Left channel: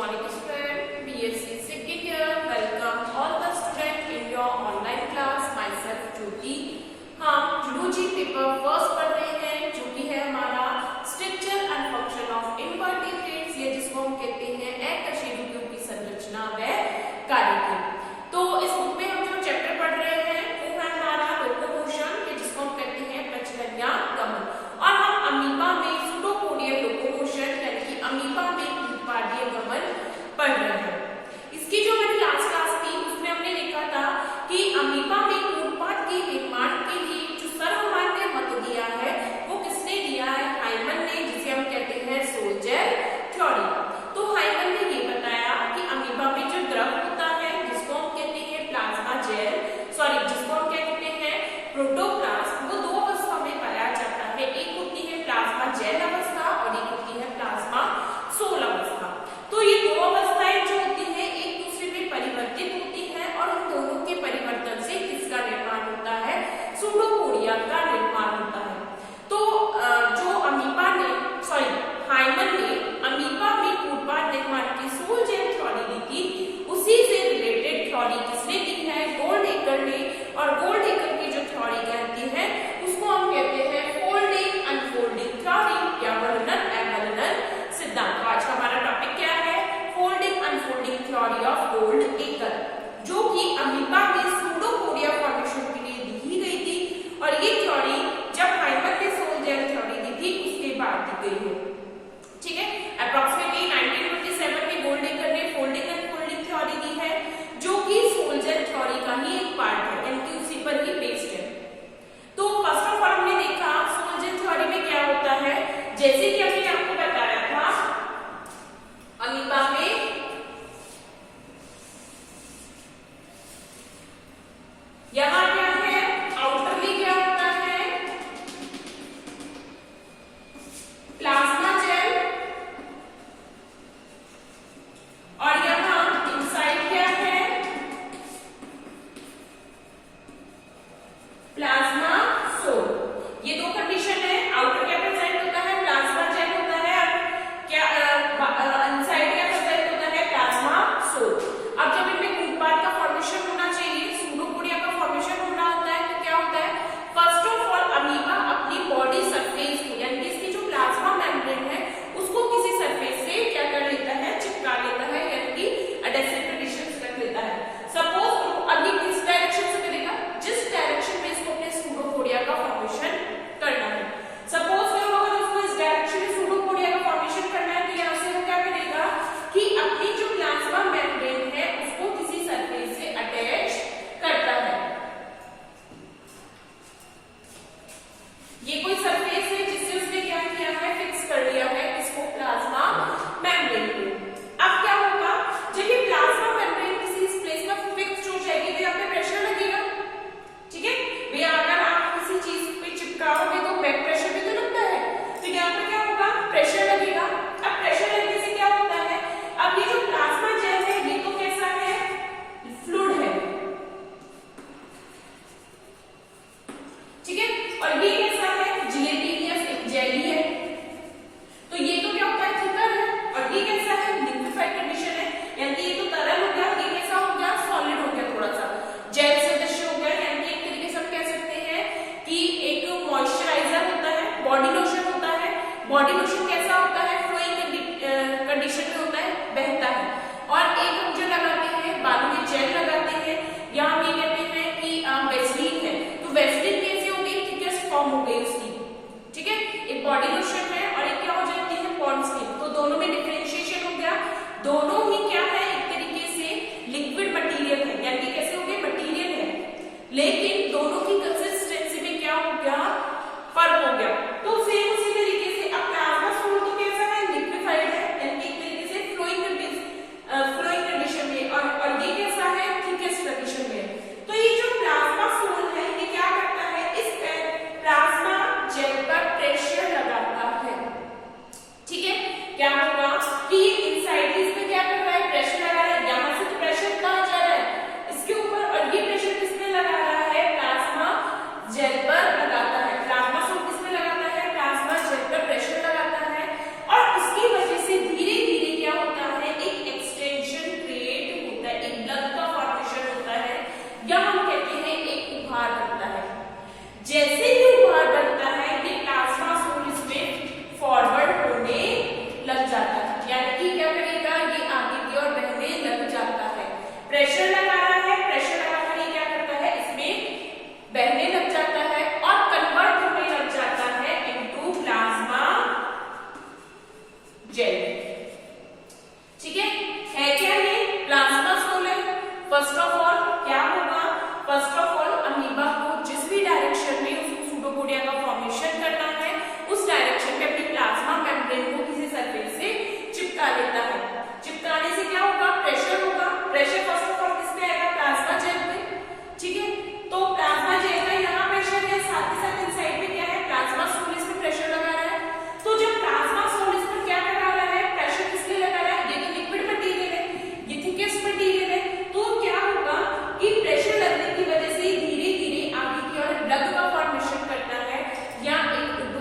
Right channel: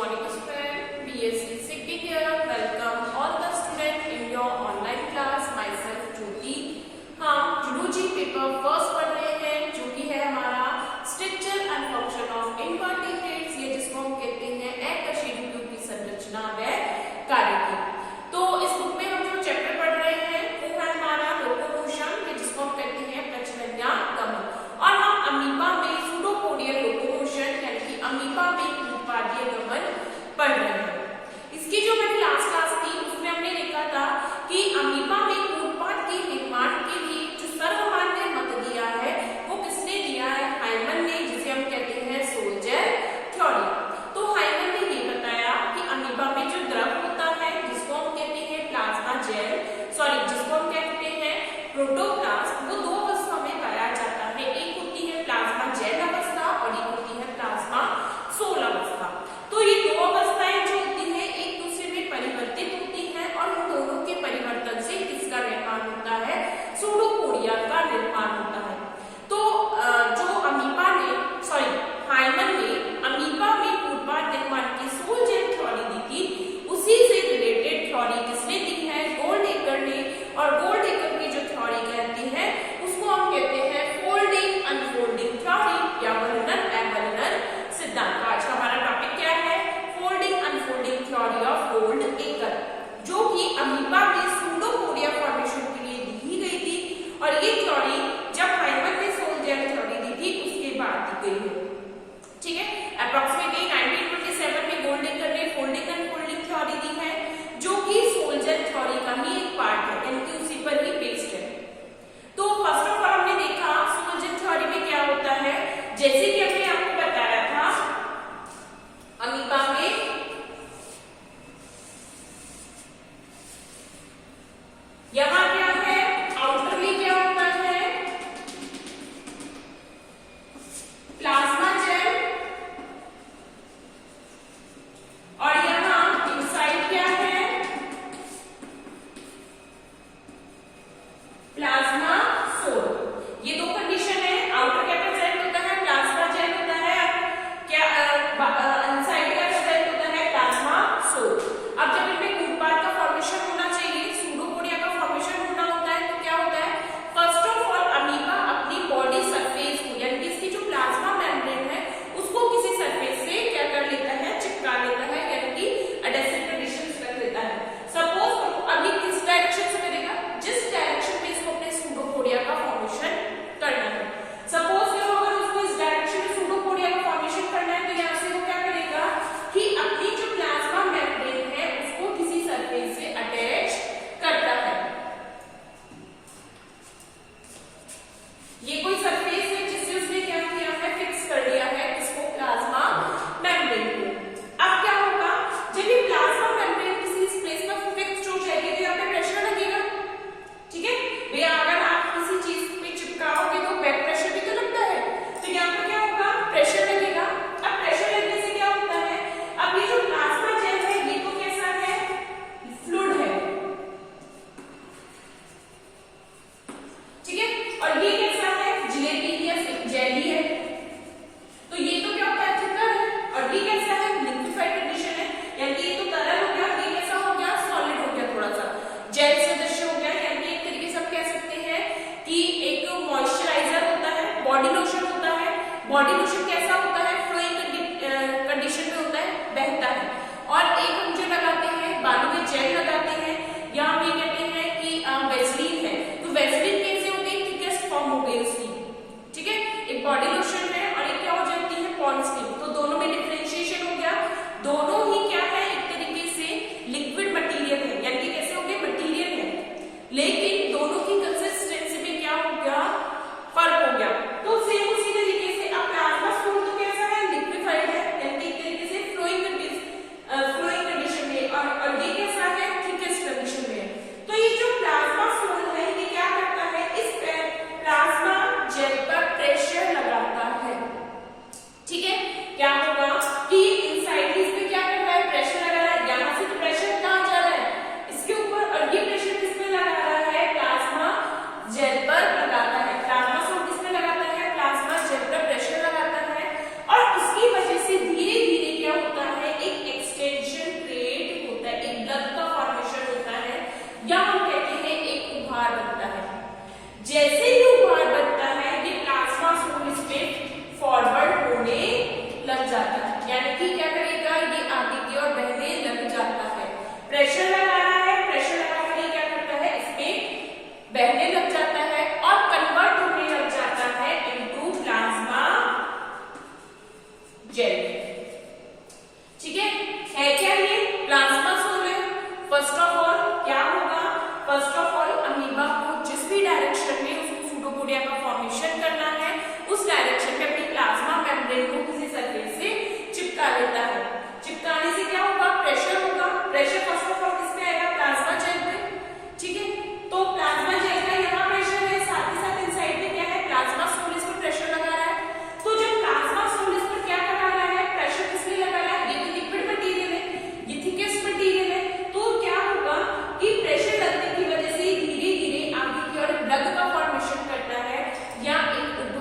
morning student, BSc Second Year. Welcome all the student in your online class. Myself ज्योति. हम zoology paper first पढ़ रहे हैं जो कि है हमारा structure and function of invertebrates, ये जिसको हम कहते हैं अकशेरुकियों की संरचना व कार्य. तो इस बुक में हम जो चैप्टर पढ़ रहे हैं वो है हमारा लोकोमोशन, ये जिसको हम कहते हैं प्रचलन या गमन. और हम अमीबा में सूडोपोडियल लोकोमोशन यानी कि अमीबा में उत्पादीय गमन पढ़ रहे हैं. इसकी जो हमारी लास्ट क्लास थी उसमें हमने देखा था कि अमीबा में उत्पाद के निर्माण के लिए जो सर्वमान्य मत दिया है वो किसने दिया है? हाइमन ने, जिसे हम कहते हैं सोल्जर थ्योरी. तो हाइमन ने ये बताया कि अमीबा में जो द्रव होता है जिसको हम कहते हैं प्लाज्मा जेल, जिसको हम कहते हैं प्रोटोप्लास्ट, वो दो अवस्था में पाया जाता है. एक होती है प्लाज्मा जेल अवस्था और एक होती है प्लाज्मा सोल अवस्था. तो ये दो अवस्थाएं जो होती हैं एक दूसरे में परिवर्तित होती हैं और उन दोनों के परिवर्तन से किसका निर्माण होता है? सूडोपोडिया का निर्माण होता है. तो जो हाइमन ने अमीबा में उत्पाद निर्माण की सोल्जर थ्योरी दी थी, उसी से रिलेटेड थ्योरी किसने दी है? गोल्डएकर ने. और गोल्डएकर की जो थ्योरी कहती है उसको हम कहते हैं फोल्डिंग अनफोल्डिंग थ्योरी या वल्नर अवल्नर सिद्धांत. आज का हमारा टॉपिक क्या है? फोल्डिंग अनफोल्डिंग थ्योरी ऑफ गोल्डएकर, जो कि अमीबा में सूडोपोडिया फॉर्मेशन के लिए दी गई थी. और ये थ्योरी जब हाइमन ने सोल्जर थ्योरी दी थी उसके बाद दी गई है. ठीक है, अप्रोक्सीमेटली 1927 में गोल्डएकर ने फोल्डिंग अनफोल्डिंग थ्योरी दी है जो कि सोल्जर थ्योरी का ही एक पार्ट है, यानी कि उसी पर ही बेस्ड है. तो फर्स्ट ऑफ ऑल हमने देखा सोल्जर थ्योरी में क्या होता है. जैसे कि हमने आपको बताया था अमीबा में यहां क्या है, आउटर में क्या होता है? Plasma gel. और यहां इनसाइड क्या है? Plasma sol. ये दो कंडीशन है. आउटर क्या प्रेजेंट होता है? प्लाज्मा जेल होता है. क्या इनसाइड क्या प्रेजेंट होता है? Plasma sol. अब जब इनमें उत्पाद का फॉर्मेशन होना चाहिए, सूडोपोडिया का फॉर्मेशन होना होता है, तो क्या होता है? फर्स्ट ऑफ ऑल अमीबा अपनी बॉडी सरफेस को, यानी कि इसकी जो प्लाज्मा मेम्ब्रेन है उसको किसी सरफेस से क्या कर लेता है? चिपका लेता है, यानी कि एडेसिव कंडीशन रख लेता है. सपोज अभी किस डायरेक्शन से करेगा? जिस डायरेक्शन में इसको अपने सूडोपोडिया का फॉर्मेशन करना है. सपोज करो अगर उसको इस डायरेक्शन में सूडोपोडिया का फॉर्मेशन करना है तो यहाँ से वो क्या करेगा कि अपनी जो प्लाज्मा मेम्ब्रेन है उसको किसी सरफेस से अटैच करता है. ये कोई सरफेस है जिससे उसने क्या किया है? फिक्स कर लिया है इसको, प्लाज्मा मेम्ब्रेन को. अब क्या होगा जब ये प्लाज्मा मेम्ब्रेन किसी प्लेस पर फिक्स हो जाएगी तो यहाँ पे प्रेशर लगेगा. ठीक है भैया, अगर आप किसी चीज पे चिपकाओगे तो बैक प्रेशर भी तो लगता है, तो यहाँ पे क्या होगा? प्रेशर लगेगा. अब प्रेशर लगने से क्या होता है? अब ये जो प्लाज्मा जेल है ये तो कैसा है? फ्लूइड है. ठीक है, और ये कैसा है? जिलेटिनियस जेली है. तो ये तो क्या होता है? थिकर है. और ये कैसा है? लिक्विफाइड कंडीशन है, यानी कि ये तो तरल हो गया, ये कैसा हो गया? सॉलिड हो गया, थोड़ा सा जेल सदृश हो गया. यानी कि एक तरीके से हम कह सकते हैं कि एक मॉइस्चराइजर होता है, बॉडी लोशन होता है. बॉडी लोशन कैसा होता है? फ्लोइंग कंडीशन में होता है, बहता है. और एक हम जो लगाते हैं बालों में जेल लगाते हैं, यहाँ हम ये कहते हैं कि वेसलीन है. तो वेसलीन कैसे हो गई? थिकेस्ट फॉर्म हो गई उसकी. ठीक है, एक बॉडी लोशन है और एक क्या हो जाती है? Pond skin. तो दोनों में डिफरेंशिएशन हो गया. दोनों ही क्या है? एक तरीके से लिक्विड मटेरियल है, यानी कि कैसे हो गए? मटेरियल है, लेकिन दोनों की कंसिस्टेंसी में क्या हो गया? फर्क हो गया. तो सेम उसी तरीके से अब प्लाज्मा सोल तो कैसा है? लिक्विफाइड है, यानी कि एक तरीके से फ्लोइंग कंडीशन में. और ये कैसा है? थिकेस्ट कंडीशन में. तो ये जो प्लाज्मा सोल है ये क्या करता है? इस प्लाज्मा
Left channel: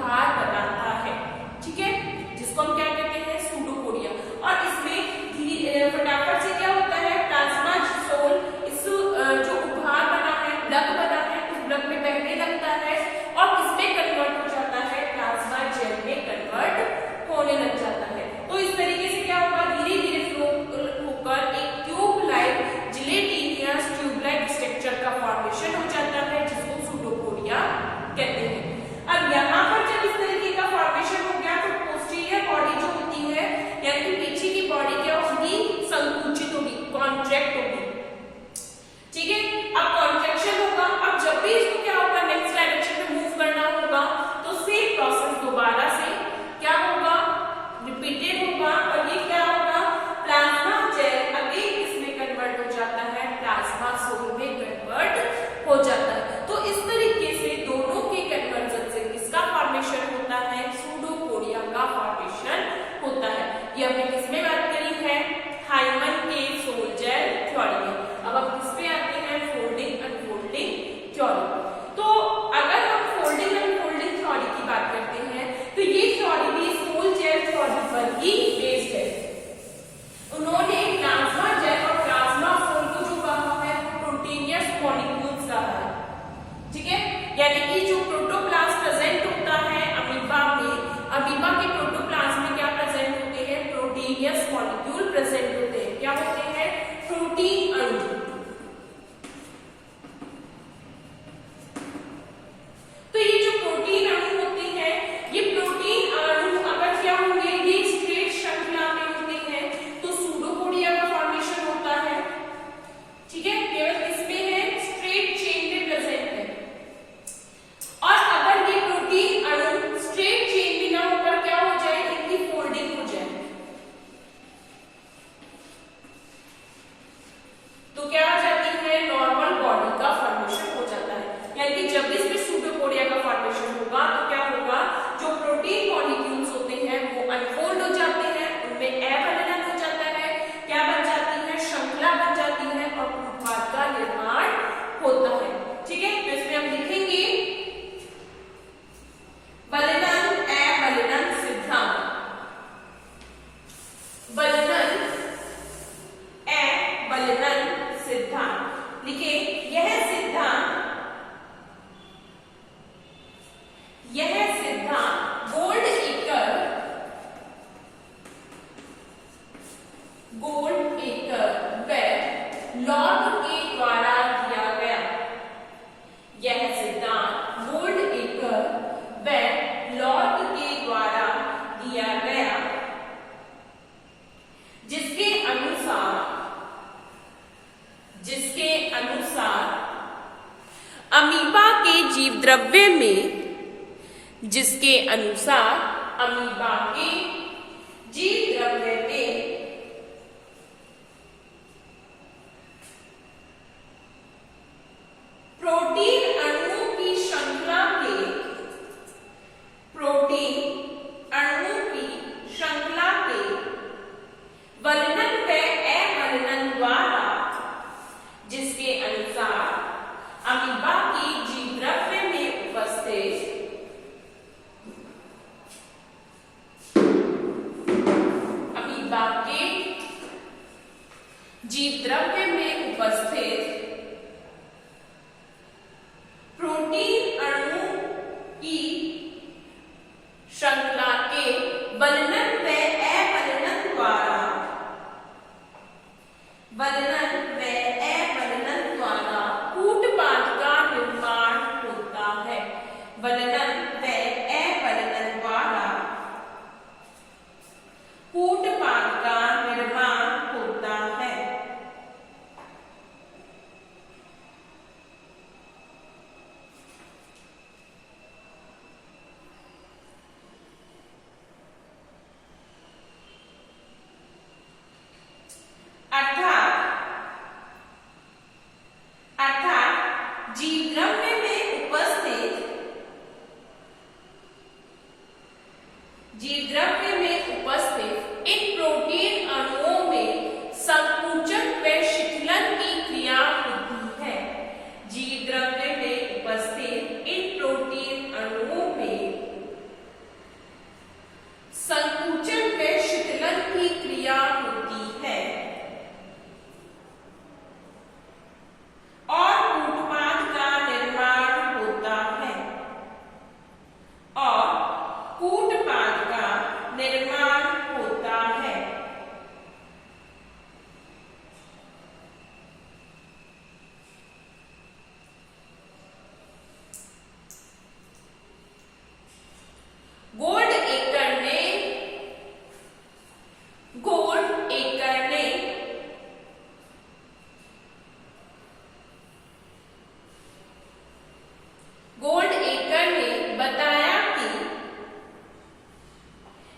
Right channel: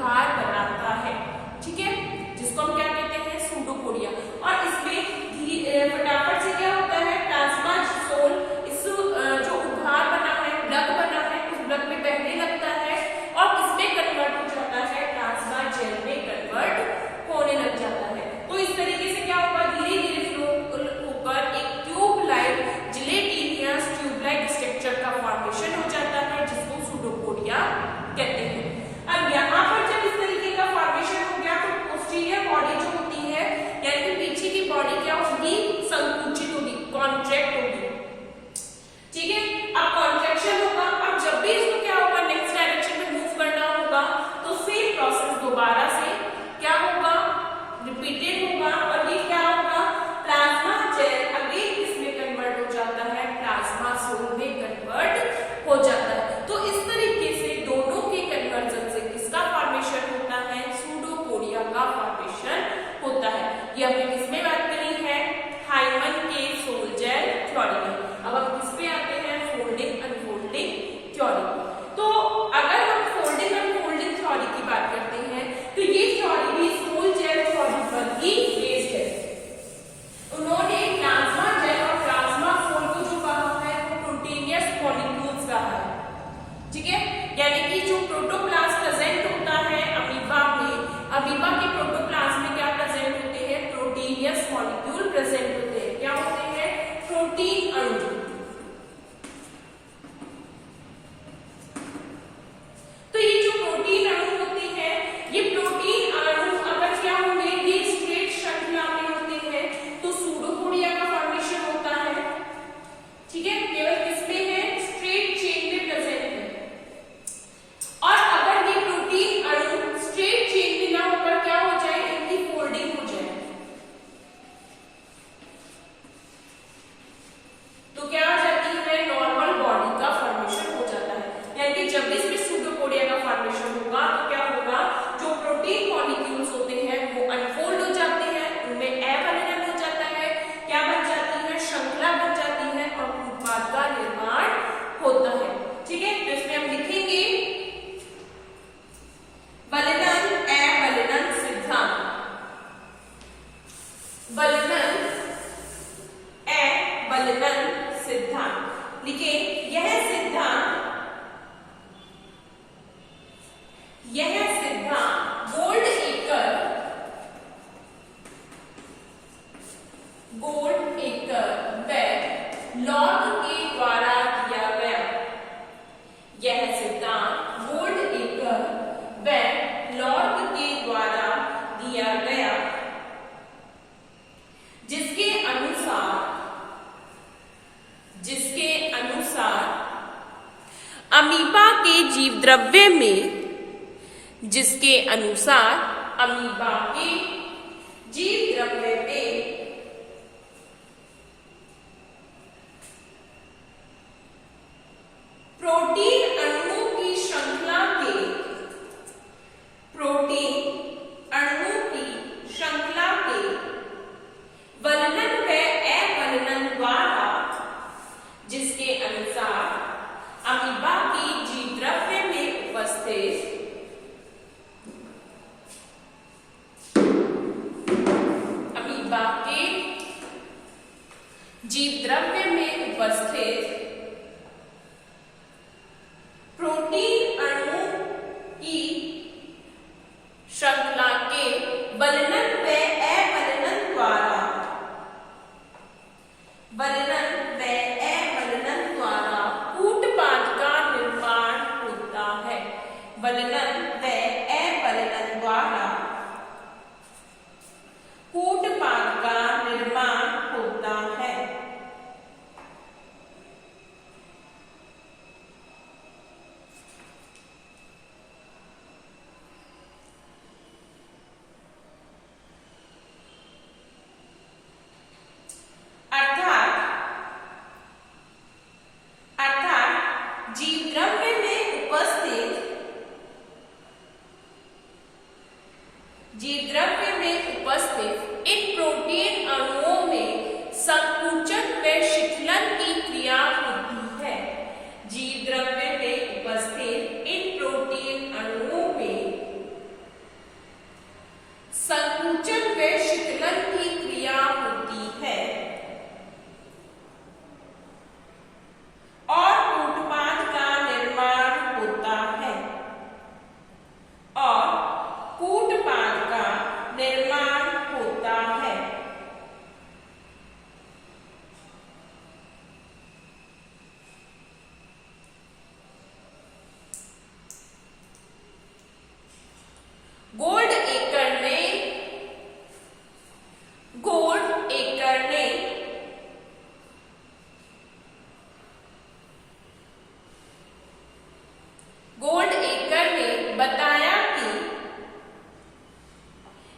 उभार बनाता है, ठीक है, जिसको हम क्या कहते हैं, सूडोपोडिया। और इसमें फटाफट से क्या होता है, प्लाज्मा सोल इस जो उभार बना है, ब्लग बना है, उस ब्लग में बहने लगता है और किसमें कन्वर्ट हो जाता है, प्लाज्मा जेल में कन्वर्ट होने लग जाता है। तो इस तरीके से क्या होगा, धीरे धीरे फ्लो होकर एक ट्यूब-लाइक जिलेटिनियस ट्यूब-लाइक स्ट्रक्चर का फॉर्मेशन हो जाता है, जिसको सूडोपोडिया कहते हैं। अब यहाँ पर जब इस तरीके का फॉर्मेशन हो गया तो पोस्टीरियर बॉडी जो होती है, यानी पीछे की बॉडी क्या होगी, संकुचित होगी, कॉन्ट्रैक्ट होगी, ठीक है। अब कॉन्ट्रैक्शन होगा, अब जब भी इसको क्या होगा, नेक्स्ट डायरेक्शन में मूव करना होगा तो सेम प्रोसेस दोबारा से क्या होगा, रिपीटेड होगा और ये क्या होगा, प्लाज्मा जेल अगेन इसमें कन्वर्ट हो जाता है, प्लाज्मा सोल में कन्वर्ट हो जाता है। तो इस तरीके से दोनों के कन्वर्जन से किसका फॉर्मेशन होता है, सूडोपोडिया का फॉर्मेशन होता है। ये हमने किसमें बात करी है, हाइमन के सोल जेल थ्योरी में। अब हम किस पे आते हैं, फोल्डिंग अनफोल्डिंग थ्योरी। तो अगर हम फोल्डिंग अनफोल्डिंग थ्योरी की बात करते हैं तो ये थ्योरी भी सोल जेल थ्योरी पर ही बेस्ड है। उन्होंने प्लाज्मा जेल और प्लाज्मा सोल को जो कहा है वो प्रोटीनियस मॉलिक्यूल्स कहा है, ठीक है, यानी कि जो प्रोटोप्लाज्म प्रेजेंट होता है अमीबा में, अमीबा के प्रोटोप्लाज्म में क्या प्रेजेंट होते हैं, प्रोटीनियस मॉलिक्यूल प्रेजेंट होते हैं। क्या होते हैं, प्रोटीन अणु। तो ये जो प्रोटीन अणु होते हैं, ये प्रोटीन अणु अगर क्या होंगे, ये स्ट्रेट श्रृंखला में होते हैं तो सूडोपोडिया का फॉर्मेशन होता है, ठीक है, केवल इसमें है, स्ट्रेट चेन में प्रेजेंट है। और अगर ये प्रोटीन अणु स्ट्रेट चेन में ना होकर क्या हो जाए, इनकी फोल्डिंग हो जाए तो क्या हो जाती है, नॉर्मल बॉडी का फॉर्मेशन हो जाता है। यानी कि जब इसमें सूडोपोडिया का फॉर्मेशन होगा तो क्या होगा, जो प्रोटीन मॉलिक्यूल्स होते हैं वो अनफोल्ड हो जाते हैं, उनमें एबैलेंस हो जाता है, क्या बन जाती है, श्रृंखला बन जाती है और उत्पाद का निर्माण होता है, ठीक है। तो इसमें हम लिखेंगे बलनन एबैलेंस सिद्धांत, बलनन एबैलेंस सिद्धांत लिखे। यह सिद्धांत गोल्डएकर व लॉग के द्वारा दिया गया। यह सिद्धांत गोल्डएकर व लॉग के द्वारा दिया गया, जिसके अनुसार अमीबा के जीव द्रव्य में, जिसके अनुसार अमीबा के जीव द्रव्य में प्रोटीन अणुओं की श्रृंखला के, प्रोटीन अणुओं की श्रृंखला के वलनन व अवलनन द्वारा, जिसके अनुसार अमीबा की जीव द्रव्य में उपस्थित जीव द्रव्य में उपस्थित प्रोटीन अणु की श्रृंखला के वलनन व अवलनन द्वारा, वलनन व अवलनन द्वारा कूटपाद का निर्माण होता है। वलनन व अवलनन द्वारा कूटपाद का निर्माण होता है। अर्थात जीव द्रव्य में उपस्थित इन प्रोटीन अणुओं में संकुचन व शिथिलन की क्रिया होती है। जीव द्रव्य में उपस्थित इन प्रोटीन अणुओं में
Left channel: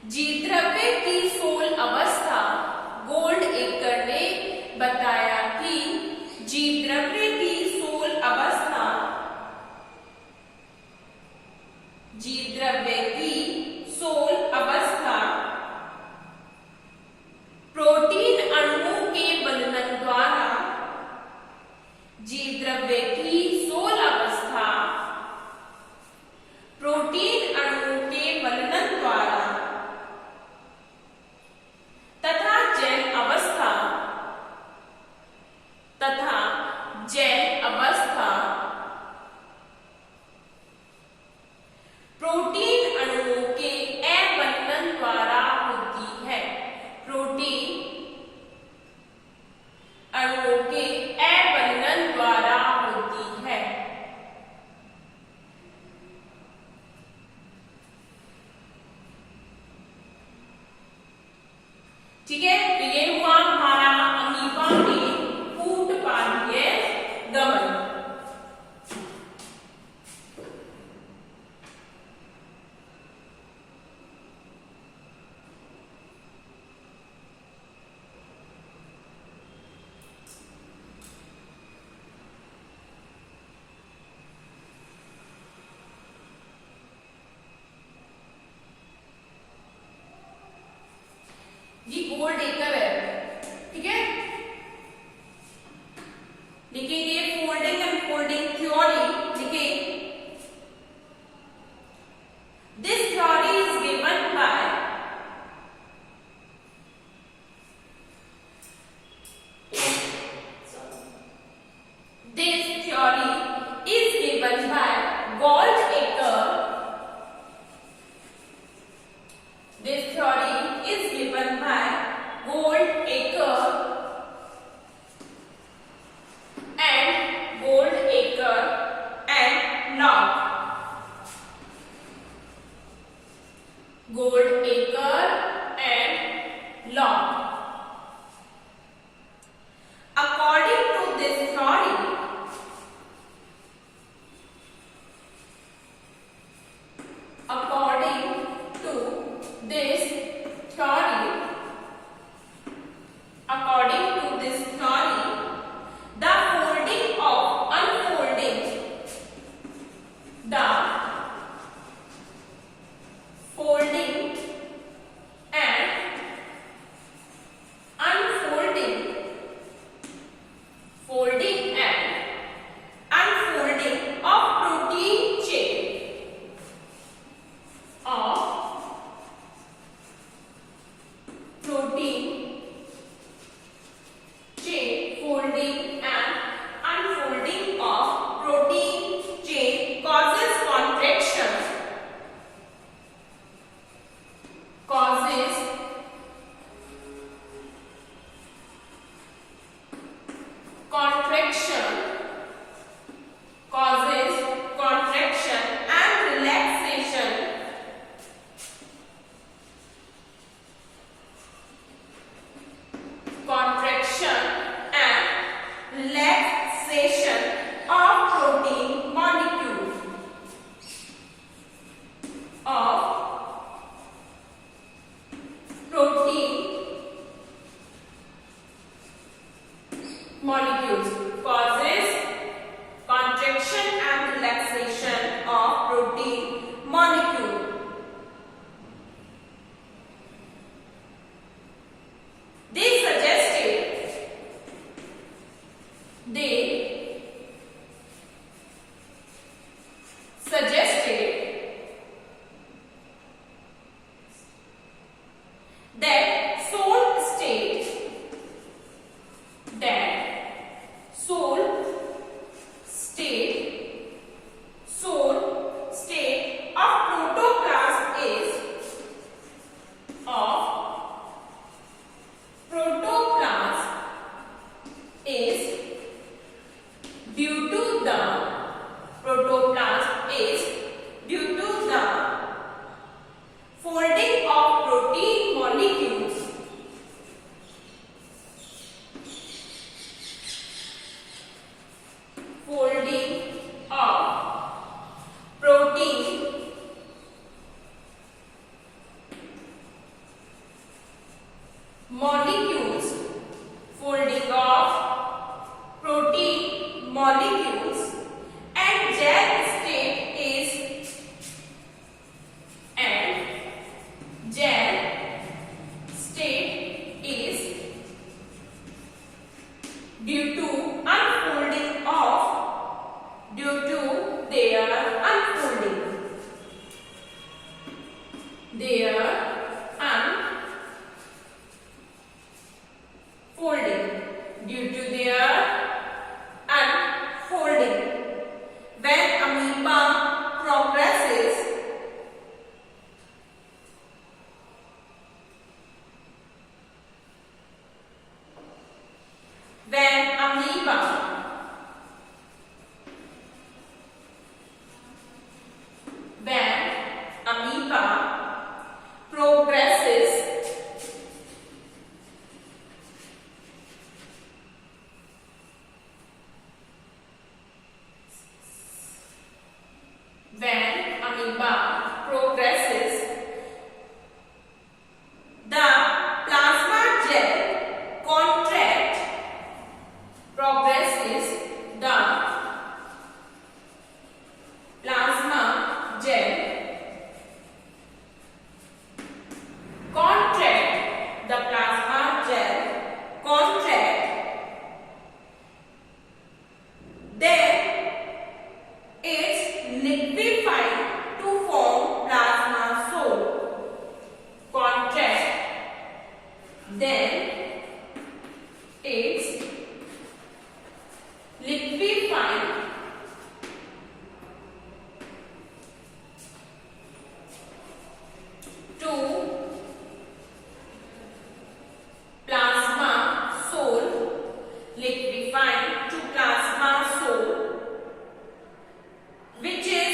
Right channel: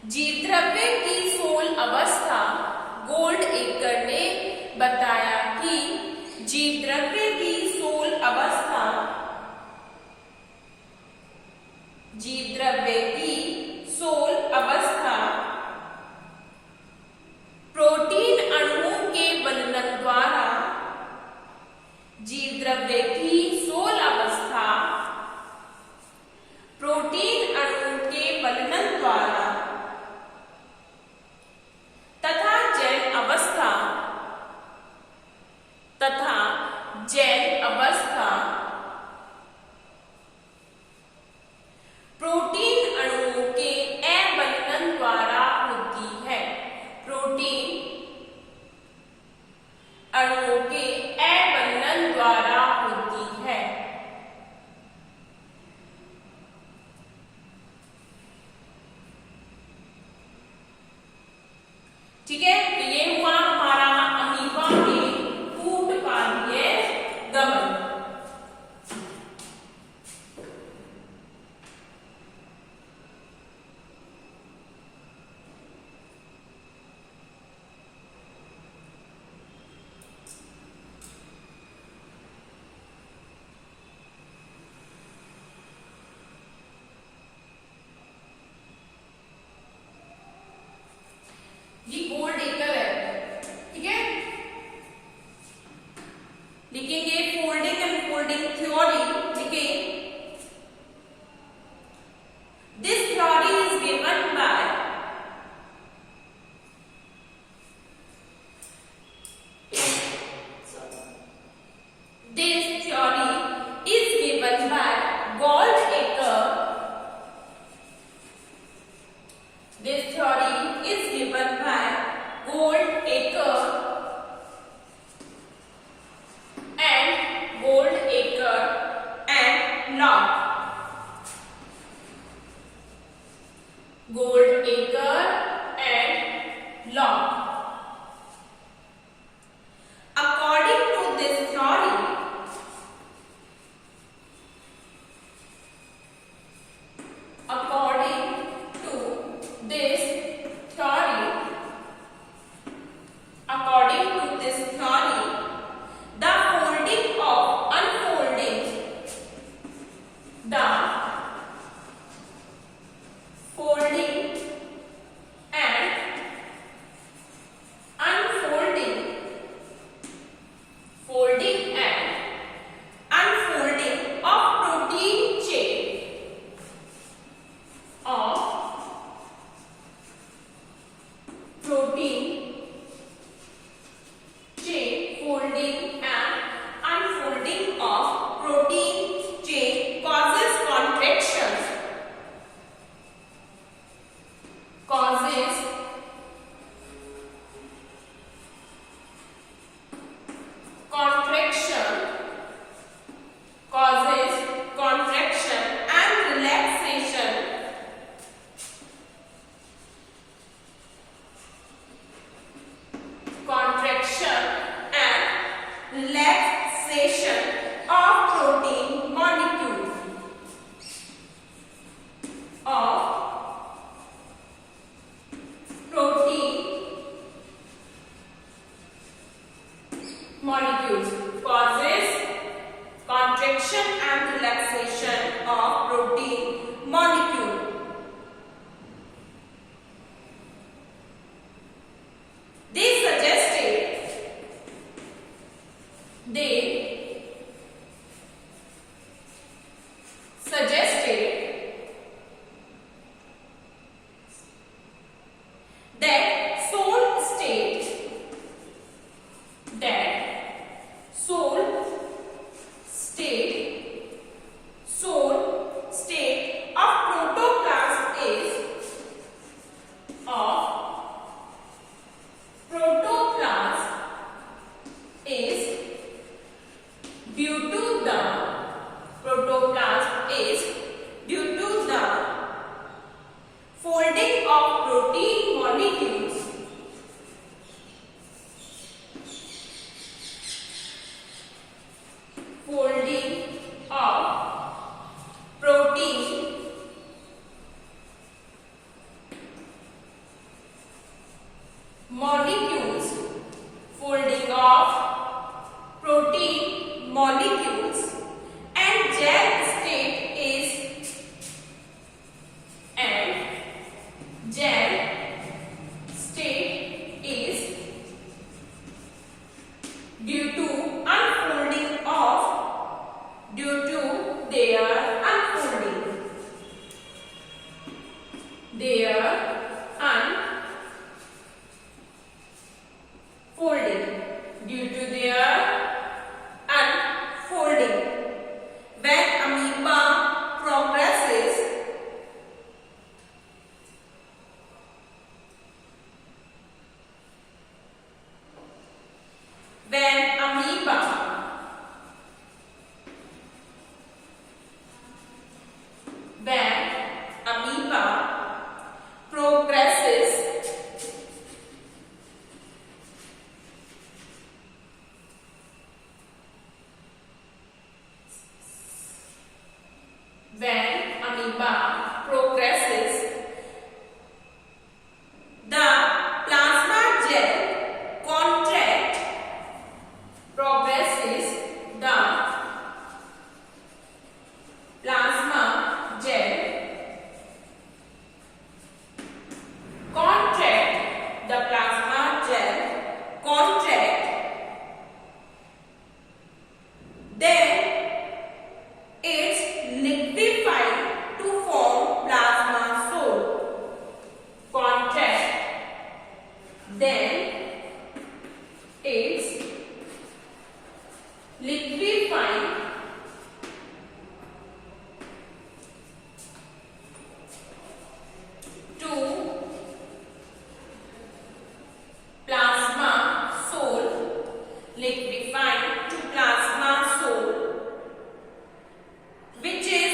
जीवद्रव्य की सोल अवस्था गोल्डएकर ने बताया कि जीवद्रव्य की सोल अवस्था प्रोटीन अणुओं के बनन द्वारा जीवद्रव्य की सोल अवस्था प्रोटीन अणुओं के बनन द्वारा तथा जैव अवस्था प्रोटीन अणुओं के अबनन द्वारा होती है। प्रोटीन अणुओं के अबनन द्वारा होती है। ठीक है, तो ये हुआ हमारा अमीबा में कूटपादीय गमन। ये गोल्डएकर है, ठीक है। लिखेंगे फोल्डिंग एंड फोल्डिंग थ्योरी। लिखें this theory is given by Goldacre. This theory is given by Goldacre and Locke. Goldacre and Locke. According to this theory, the folding of unfolding, the folding and unfolding, folding and unfolding of protein chain folding and unfolding of protein chain causes contractions. Causes contraction and relaxation. Contraction and relaxation of protein molecules. Causes contraction and relaxation of protein molecule. They suggested that soul state of protoplasm is due to the folding of protein molecules. Folding of protein molecules, folding of protein molecules, and gel state is due to their unfolding. Due to their unfolding. When amoeba progresses, when amoeba progresses, the plasma gel progresses, the plasma gel contract, then it's liquefied to form plasma soul. Contract, then it's liquefied to plasma soul, which is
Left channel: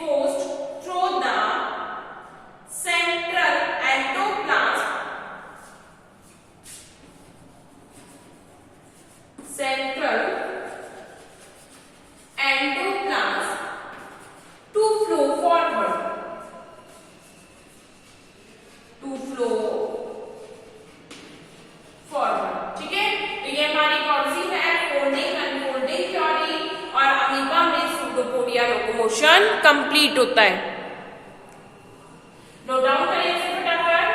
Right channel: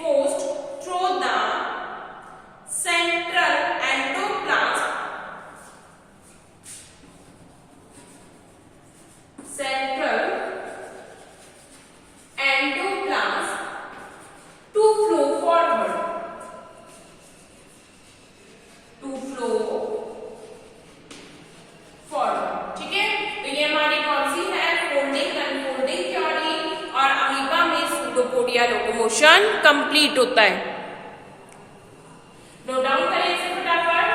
forced through the central endoplasm to flow forward. ठीक है, तो ये हमारी कौन सी है, folding unfolding theory, और amoeba में pseudopodia locomotion complete होता है। नोट डाउन करिए इसे फटाफट।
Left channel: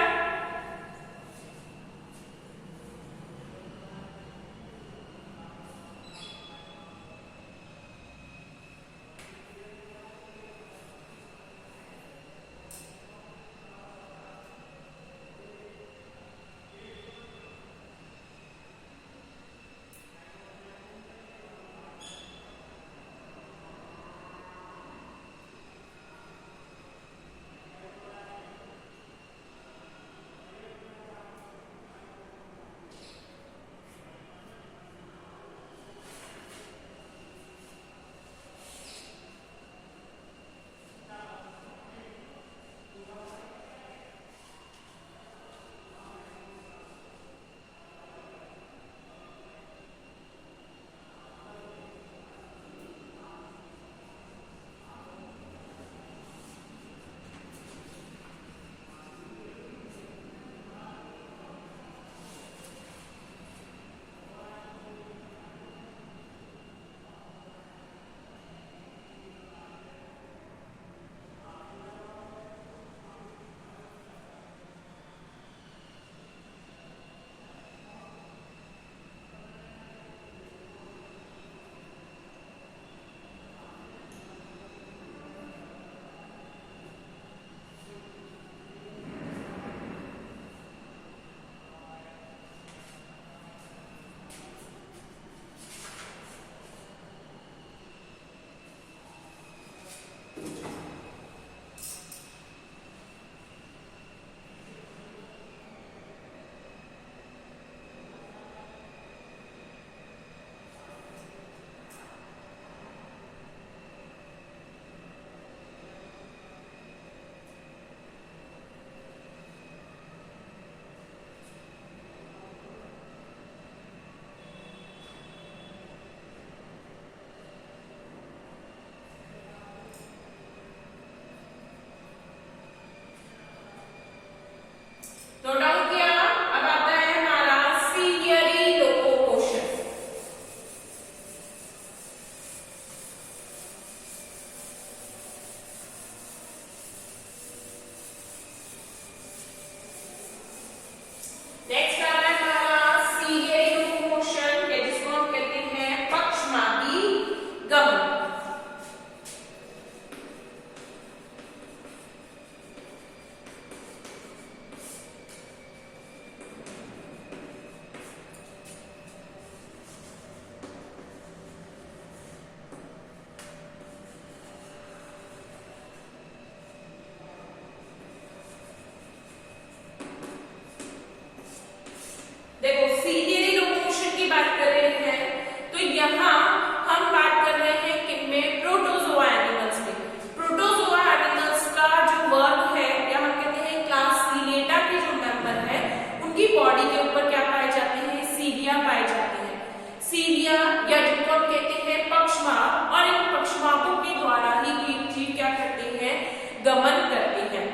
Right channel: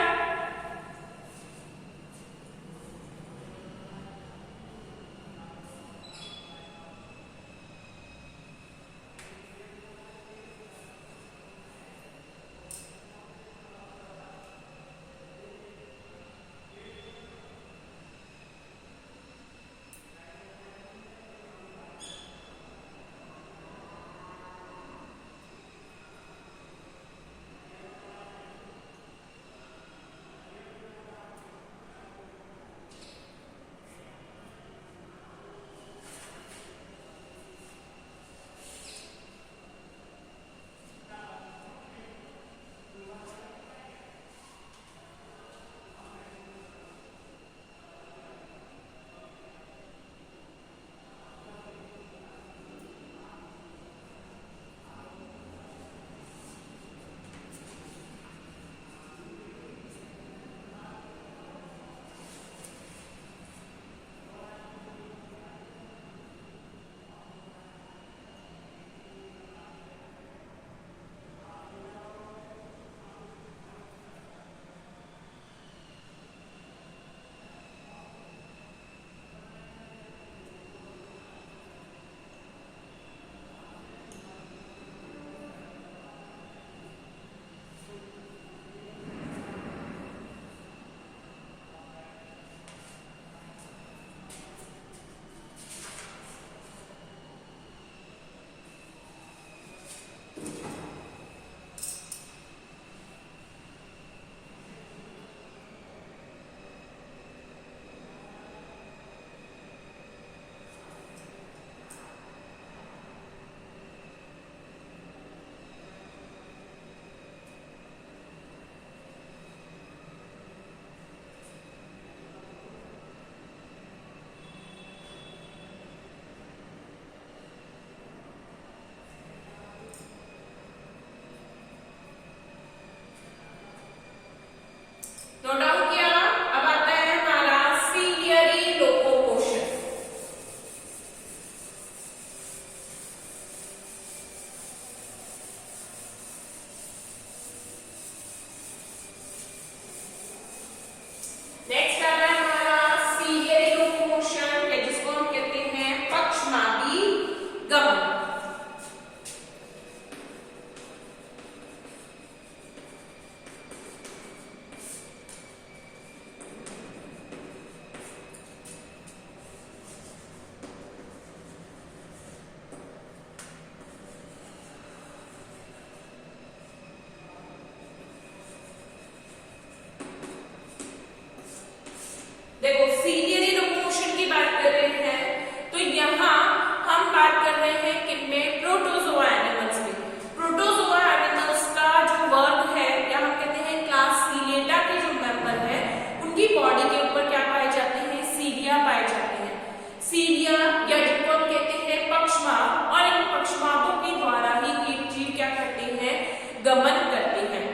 गमन करते हैं।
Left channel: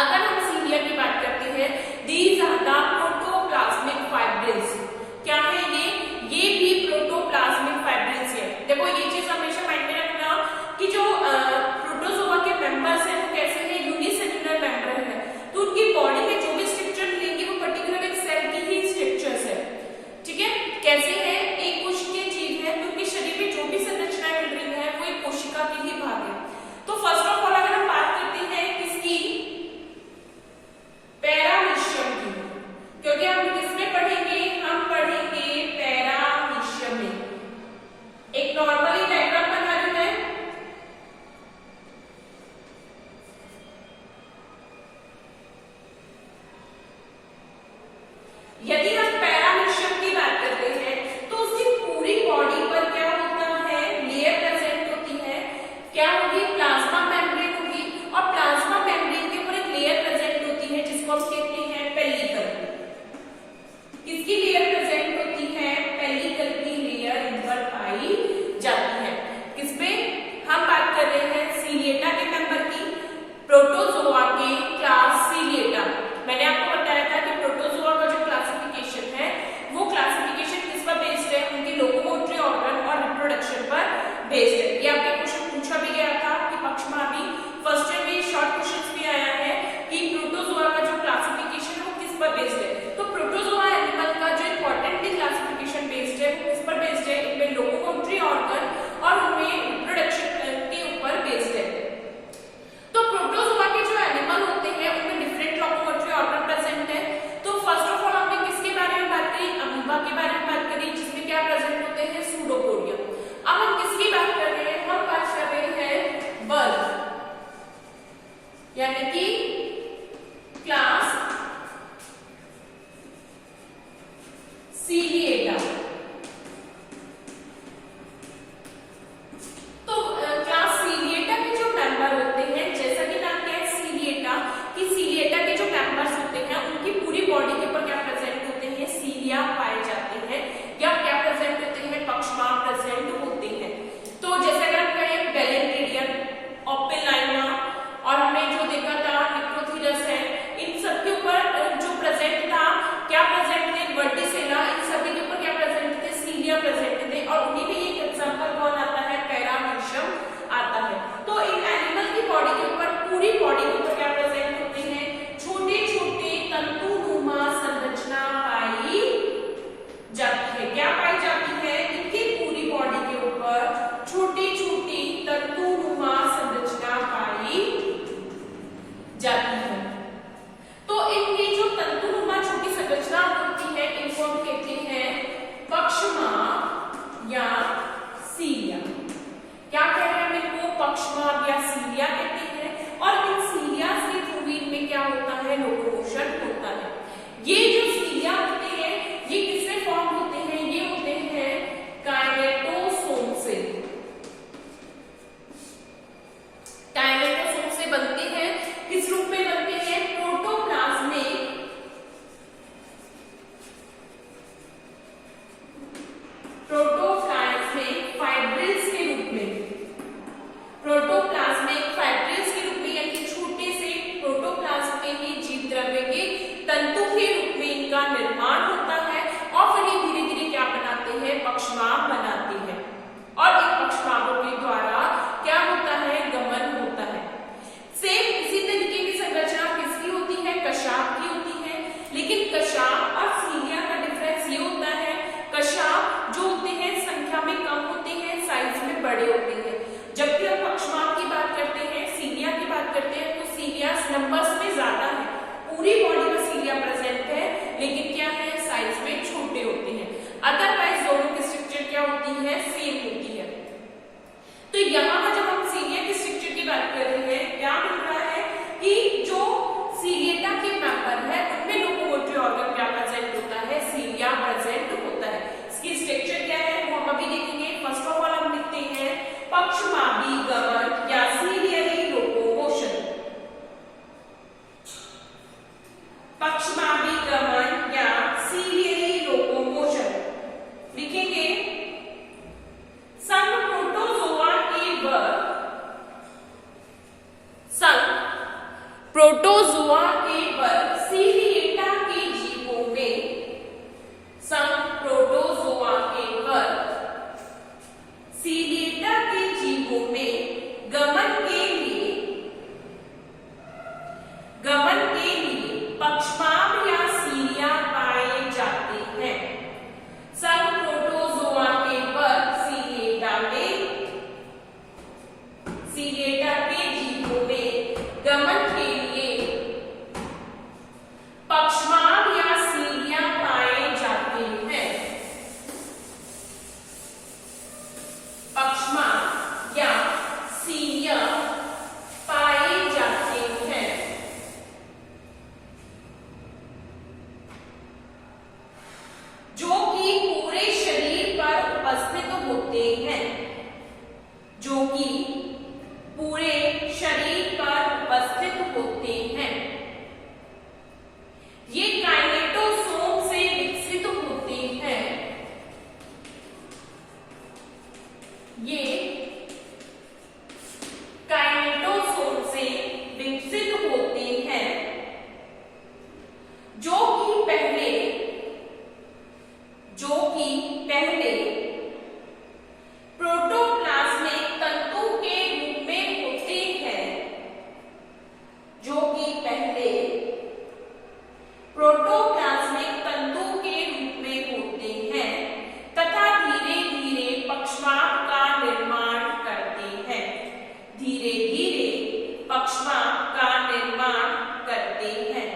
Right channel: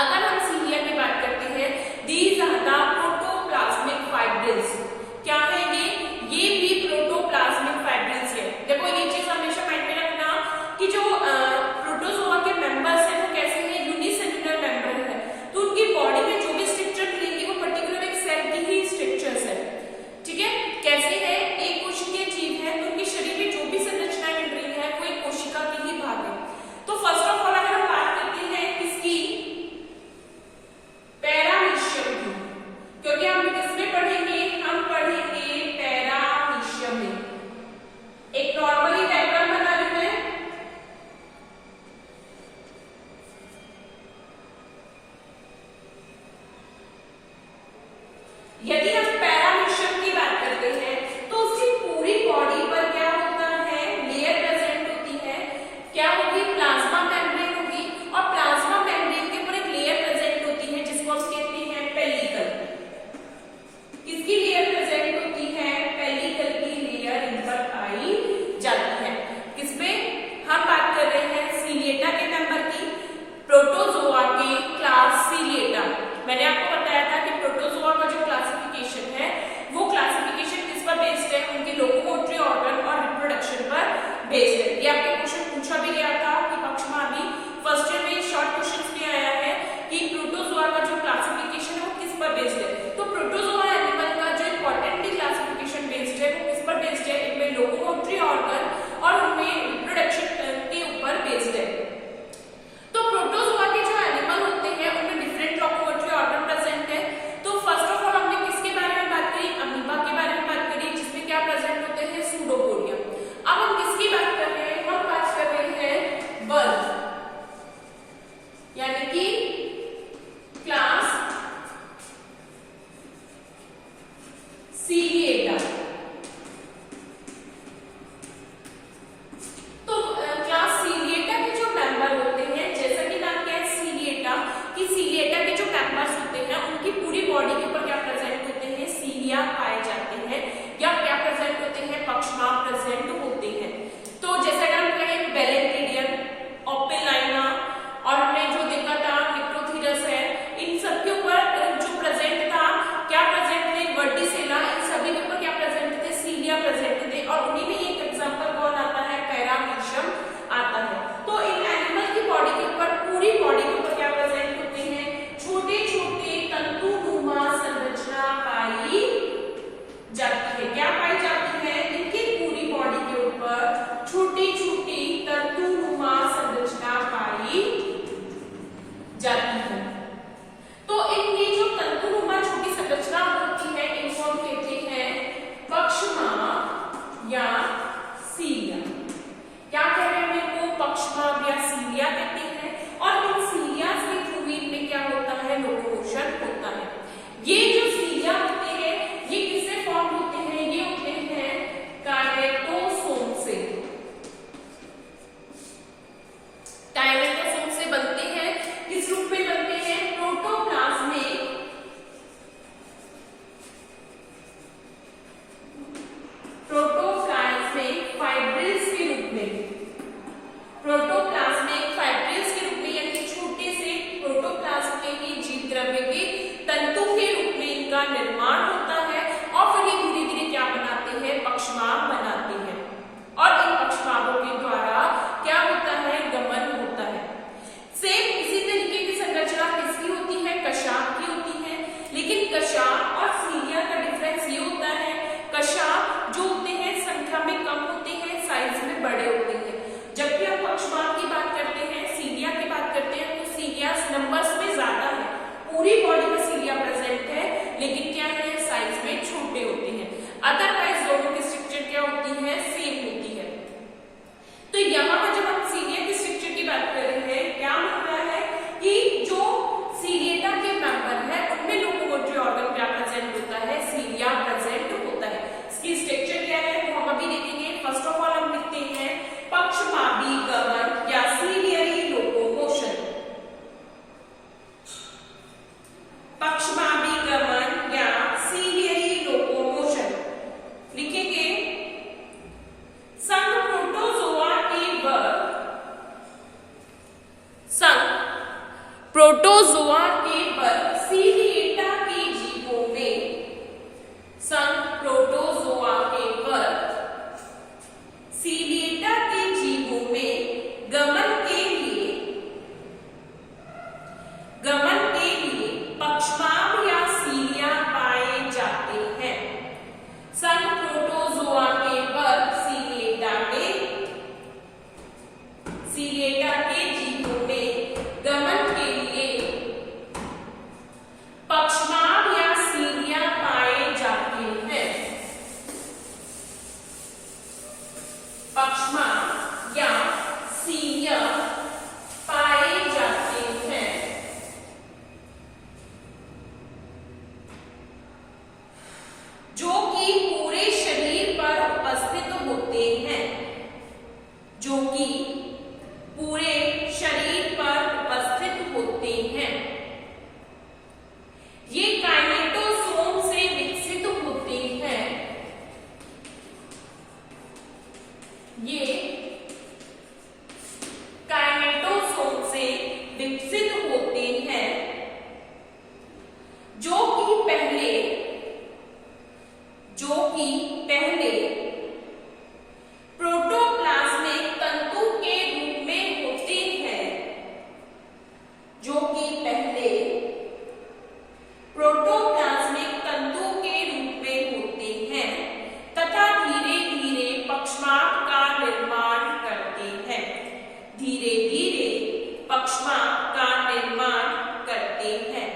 अगर हम सीलिया की बात करते हैं, these are the protoplasmic fibrils. क्या है ये भी प्रोटोप्लाज्मिक फाइब्रिल्स है। देखो ये चीज हमेशा माइंड में रखना कि जो प्रोटोजोआ के मेंबर्स हैं वो कैसे हैं, यूनिसेल्युलर मेंबर है, तो उनकी बॉडी में जो भी स्ट्रक्चर मिलेंगे वो पर्टिकुलर एक सेल की ही स्ट्रक्चर्स है। ठीक है, कैसे है, एक कोशिकीय जीव है तो उनके शरीर में जो भी संरचनाएं मिल रही है वो एक कोशिका की ही भाग है। तो फर्स्ट ऑफ ऑल अगर हम बात करते हैं किसकी, पैरामीशियम की, क्योंकि हम किसमें पढ़ेंगे, हम पढ़ेंगे पैरामीशियम में। एक नॉर्मली डायग्राम बना रही है, यदि हम पैरामीशियम की बात करते हैं तो उसकी पूरी बॉडी पर क्या होता है, लेयर प्रेजेंट होती है। क्या होगी, प्लाज्मा मेम्ब्रेन होगी, और प्लाज्मा मेम्ब्रेन के ऊपर एक लेयर प्रेजेंट होती है जिसको हम कहते हैं पेलिकल। किसकी लेयर प्रेजेंट होती है, पेलिकल की लेयर इन पर पाई जाती है। किसमें हम बात कर रहे हैं, सीलिएटा के मेंबर की, प्रोटोजोआ के क्लास सीलिएटा। मैंने आपको बताया था कि प्रोटोजोआ का जो क्लासिफिकेशन है वो क्लासिफिकेशन किस पर बेस्ड है, उनके लोकोमोटरी ऑर्गन और रिप्रोडक्शन पर बेस्ड है। ये आपके क्वेश्चन पूछा भी गया था कि पक्ष में अभी फर्स्ट ईयर में शॉर्ट क्वेश्चंस भी आया है कि प्रोटोजोआ का जो क्लासिफिकेशन है वो किस पर बेस्ड है। तो प्रोटोजोआ एनिमल का जो इंपॉर्टेंटली क्लासिफिकेशन बेस्ड है वो किस पर बेस्ड है, इनमें लोकोमोटरी ऑर्गन और उनमें रिप्रोडक्शन के ऊपर बेस्ड है। तो प्रोटोजोआ के जो एनिमल होते हैं उनमें डिफरेंट लोकोमोटरी ऑर्गन प्रेजेंट है। तो फर्स्ट ऑफ ऑल हमने किसके बारे में बात करी, अमीबा के बारे में बात करी, जिसमें क्या प्रेजेंट होते हैं, सूडोपोडियम। अब हम किसकी बात कर रहे हैं, हम बात कर रहे हैं बल्ब, यानी कि क्लास सीलिएटा। तो क्लास सीलिएटा के जो मेंबर होते हैं, जैसा कि नाम क्या है सीलिएटा, कि सीलिएटा के जो मेंबर्स होते हैं उनकी पूरी बॉडी के ऊपर क्या प्रेजेंट होते हैं, सीलिया पाए जाते हैं, या क्या प्रेजेंट होते हैं, पक्षमा प्रेजेंट होते हैं। तो जैसे अगर हम कहें बेलेंट्रिडियम, ओपेलाइना, और हमने जो देखा था निक्रोथीरस है, इन सब के ऊपर जो प्रेजेंट था क्या प्रेजेंट थे, वर्टिसेला, इन सभी के ऊपर क्या प्रेजेंट थे, सीलिया प्रेजेंट थे, और उन्हीं में एक एग्जांपल कौन आता है, पैरामीशियम आता है। तो इन एनिमल की बॉडी के ऊपर, पूरी बॉडी के ऊपर क्या प्रेजेंट होते हैं, छोटे छोटे तंतुनुमा संरचना पाई जाती है। क्या पाई जाती है, इनकी पूरी बॉडी के ऊपर छोटी छोटी तंतुनुमा संरचना पाई जाती है। तो इनकी जो तंतुनुमा छोटी संरचना होती है इनको हम कहते हैं पक्षमा या सीलिया। क्या कह रहे हैं, इनको पक्षमा या सीलिया कहते हैं, और इन सीलिया के थ्रू इनमें क्या होता है, लोकोमोशन होता है। ये जो सीलिया होते हैं ये किससे फॉर्म होते हैं, ये होते हैं काइनेटोसोम से। काइनेटोसोम से बनते हैं, किस रूप में बनते हैं, प्रोटोप्लाज्मिक फाइब्रिल्स के रूप में, प्रोटोप्लाज्मिक फाइब्रिल्स के रूप में, यानी छोटे से प्रोटोप्लाज्म में ही जीव द्रव्य के तंतु के रूप में इनका निर्माण होता है, और फिर ये धीरे धीरे क्या बनाते हैं, पक्षमाभ बनाते हैं, और इन पक्षमाभों के द्वारा क्या होता है, गमन होता है। सेम इसी तरीके की संरचना किसकी होती है, कशाप की होती है, लेकिन कशाप और सीलिया का डिफरेंस ये होता है, कशाप जो होते हैं संख्या में कम होते हैं, साइज में बड़े होते हैं, जबकि हम पक्षमाभ की बात करते हैं, सीलिया की बात करते हैं, तो सीलिया नंबर्स में ज्यादा है, पूरी बॉडी में सीलिया प्रेजेंट है, लेकिन क्या है, साइज में छोटे होते हैं। अदरवाइज दोनों की स्ट्रक्चर क्या होती है, सेम होती है। तो यहाँ पर जब हम सीलिया की स्ट्रक्चर की बात कर रहे हैं, क्या मिल रहा है कि जो सीलिएटा के मेंबर है उनमें लोकोमोटरी ऑर्गन क्या प्रेजेंट होता है, सीलिया प्रेजेंट होता है। इसकी स्ट्रक्चर क्या है वो हम अभी देखेंगे। फर्स्ट ऑफ ऑल हम लिखते हैं पक्षमाभी गमन या सीलियरी लोकोमोशन, पक्षमाभी गमन या सीलियरी लोकोमोशन लिखेंगे। संघ प्रोटोजोआ के वर्ग, संघ प्रोटोजोआ के वर्ग सीलिएटा के जीवों में संघ प्रोटोजोआ के वर्ग सीलिएटा के जीवों में गमन के लिए पक्षमार्ग या सीलिया पाए जाते हैं। संघ प्रोटोजोआ के वर्ग सीलिएटा के जीवों में गमन के लिए पक्षमार्ग या सीलिया पाए जाते हैं। पक्षमार्ग या सीलिया पाए जाते हैं। जो कि पूरे शरीर पर उपस्थित होते हैं। जो कि पूरे शरीर पर उपस्थित होते हैं। ये काइनेटोसोम से विकसित होते हैं। ये काइनेटोसोम से विकसित होते हैं जो कि पहले प्रोटोप्लाज्मिक तंतु के रूप में होते हैं। जो कि पहले प्रोटोप्लाज्मिक तंतु के रूप में होते हैं तथा धीरे धीरे पक्षमार्ग का निर्माण करते हैं। धीरे धीरे पक्षमार्ग का निर्माण करते हैं।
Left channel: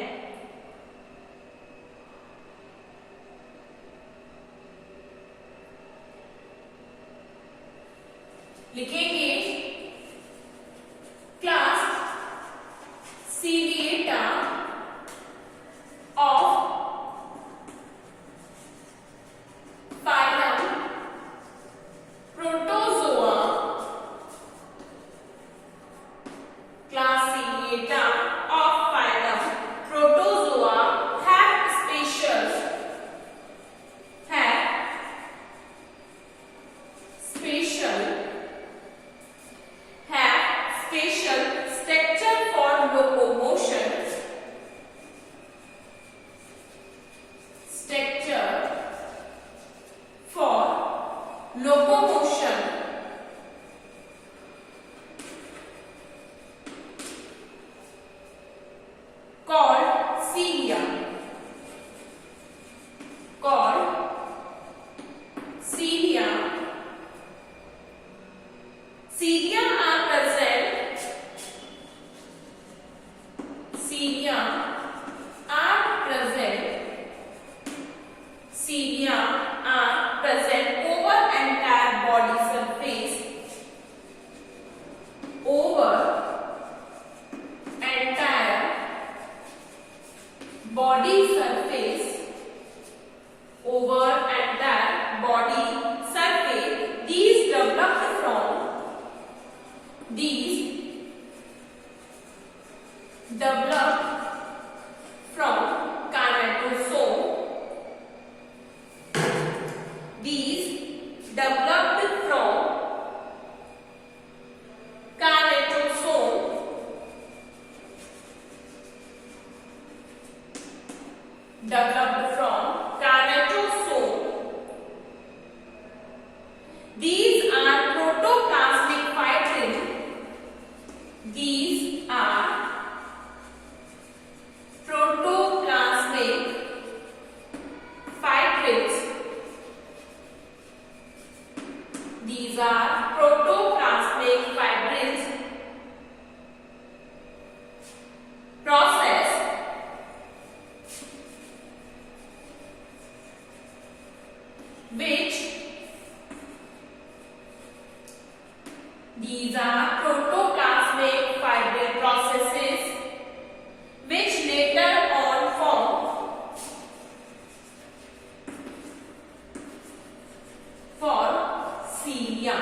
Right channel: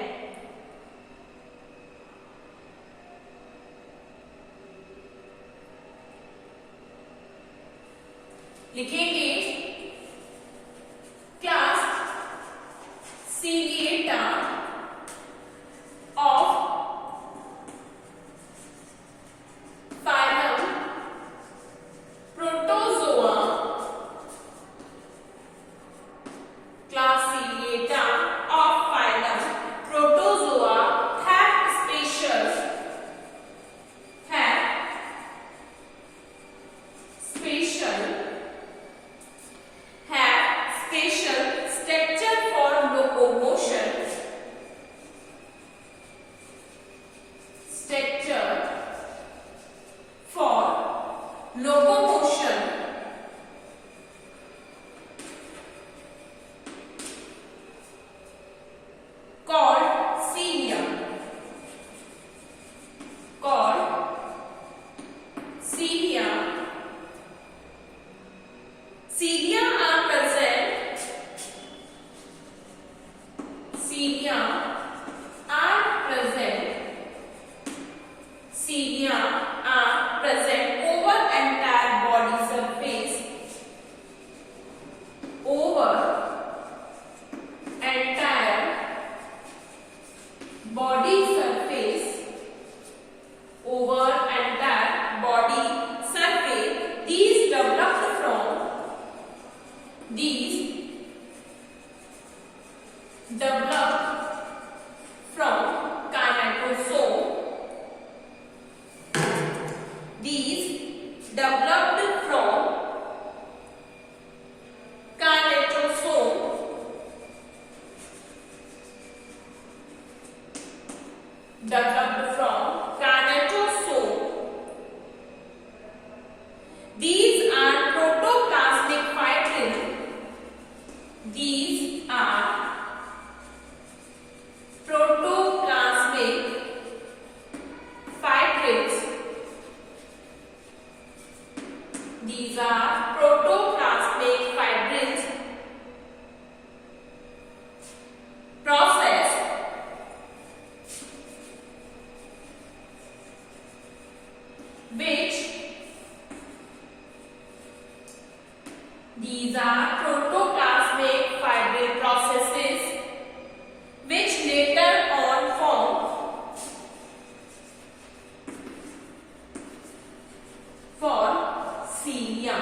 लिखेंगे class Ciliata of phylum Protozoa. Class Ciliata of phylum Protozoa have special structure for locomotion. Structure for locomotion. Called cilia. Cilia are present. Cilia are present over entire body surface. Over entire body surface. Over entire body surface. These developed from kinetosome. These developed from kinetosome. These are protoplasmic fibrils. These are protoplasmic fibrils. These are protoplasmic fibrils. Process which these are protoplasmic fibril processes which later on form cilia.